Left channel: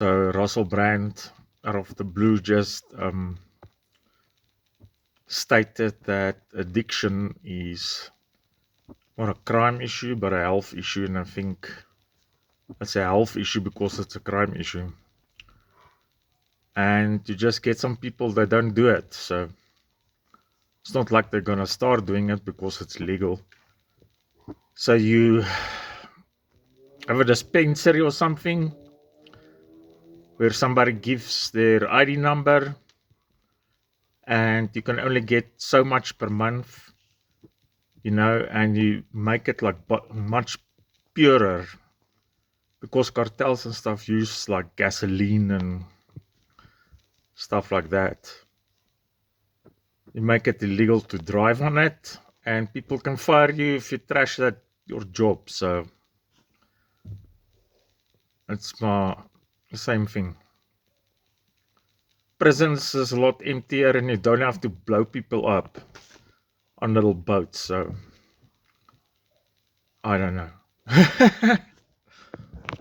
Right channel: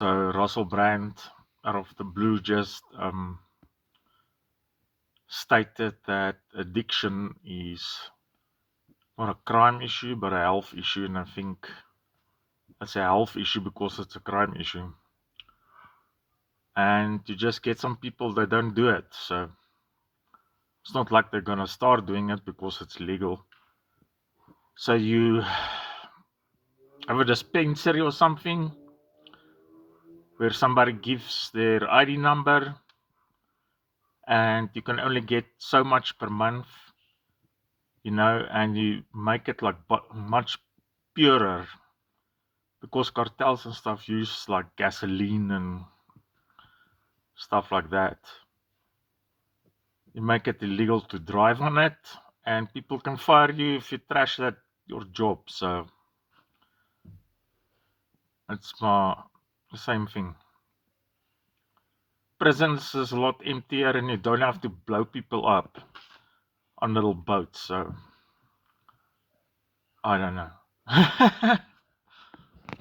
So Russell Brand, out of the blue, just stated that addiction is not a crime issue, but a health issue. And I think it's a health issue because it's a crime issue. And you just get some people that don't do it. So it's not like they're going to start doing it because it's legal. So you have a dispensary or something where somebody gives their ID number and you can only get so much per month, and you make it like much purer because cartels and stuff use like gasoline and stuff like that. You make it illegal to drive on it, and people can fire you if you trash that your job. So it's the same thing. Prisons is a lot emptier, and you don't have to blow people up on little boats. So I don't know.